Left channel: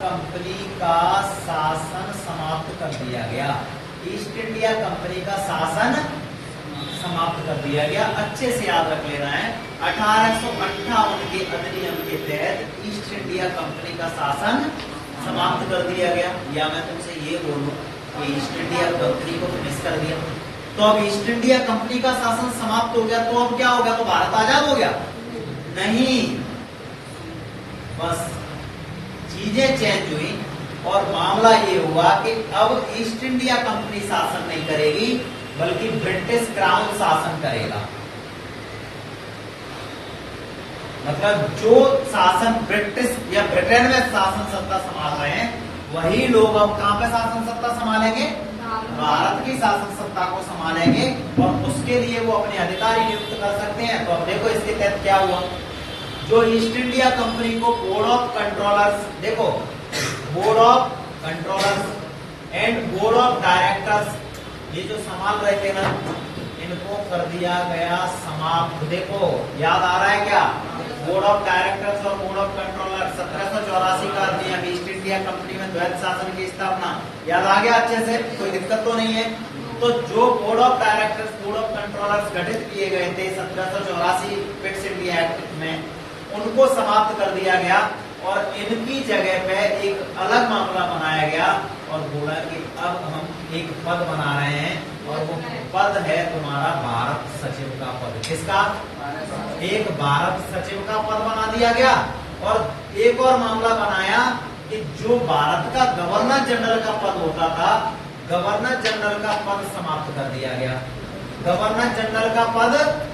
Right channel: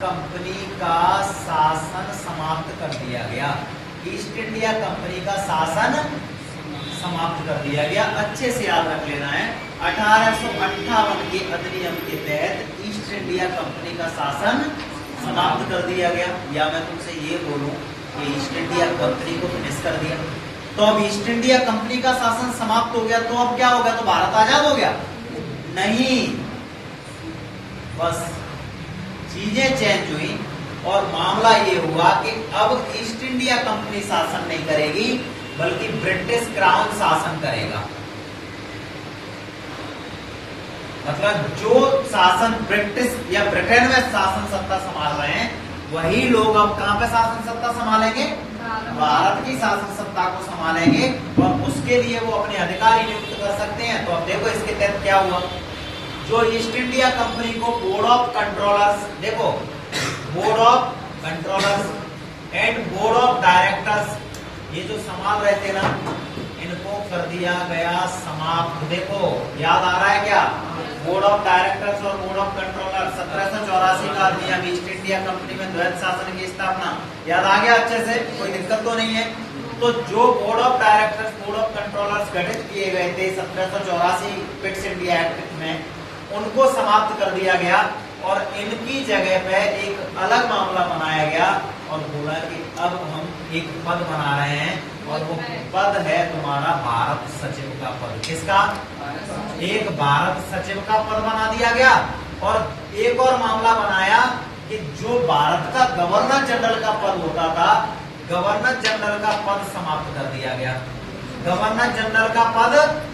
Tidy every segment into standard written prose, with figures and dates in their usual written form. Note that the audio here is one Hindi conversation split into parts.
कंपनी का शासन समाप्त कर दिया गया। ईस्ट इंडिया कंपनी का शासन समाप्त कर दिया गया। अच्छे से याद रख लेना है। 1858 के अधिनियम के तहत ईस्ट इंडिया कंपनी का शासन समाप्त कर दिया गया। या मैं तुमसे ये बोलूं कि ईस्ट इंडिया कंपनी को फिनिश कर दिया, तो अब ईस्ट इंडिया कंपनी का शासन समाप्त हो गया, तो अब क्या हो गया? तो भारत आजाद हो गया? नहीं, बस चीजें चेंज हुई और मामला ये हुआ कि अब ईस्ट इंडिया कंपनी शासन नहीं करेगी, बल्कि ब्रिटिश क्राउन शासन करेगा। मतलब जो शासन ब्रिटिश या ब्रिटेन में शासन सत्ता संभाल रहे हैं, वही लोग अब कहां पे शासन सत्ता संभालेंगे? भारत की शासन सत्ता को संभालेंगे, और उसके लिए वो अपने अधिकारी नियुक्त कर सकते हैं। तो अब देखो इसके तहत क्या हुआ। जो ईस्ट इंडिया कंपनी को बोर्ड ऑफ कंट्रोलर्स, देखो board of controllers and board of directors, ये जो संभाल रहे थे ना, इनको कर दिया गया समाप्त। देखो याद आ रहा है क्या? बोर्ड ऑफ डायरेक्टर्स और बोर्ड ऑफ कंट्रोलर 1784 का अधिनियम, ईस्ट इंडिया कंपनी में द्वैध शासन की स्थापना। याद आ गया अच्छे से? कोई दिक्कत तो नहीं है? तो जो board of directors, board of controllers गठित किए गए थे 1784 पिट्स इंडिया एक्ट में, उनको समाप्त कर दिया गया और इनकी जगह पे एक अलग मामला बनाया गया और बोला कि अब हम एक पद बना रहे हैं, और वो पद है तुम्हारा भारत सचिव का पद। किसका? एक भारत सचिव का पद बना दिया गया। और एक और मामला बनाया कि जो भारत का गवर्नर जनरल का पद होता था, गवर्नर जनरल का पद समाप्त कर दिया गया। गवर्नर जनरल का पद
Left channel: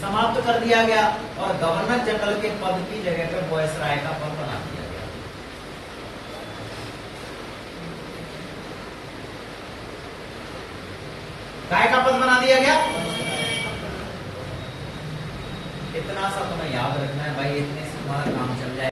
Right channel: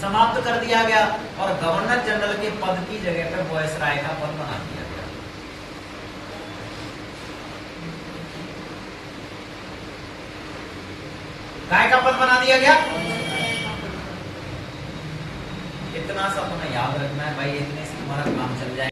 समाप्त कर दिया गया और गवर्नर जनरल के पद की जगह पे वायसराय का पद बना दिया गया। काय का पद बना दिया गया? इतना सब तुम्हें याद रखना है भाई, इतने से हमारा काम चल जाए।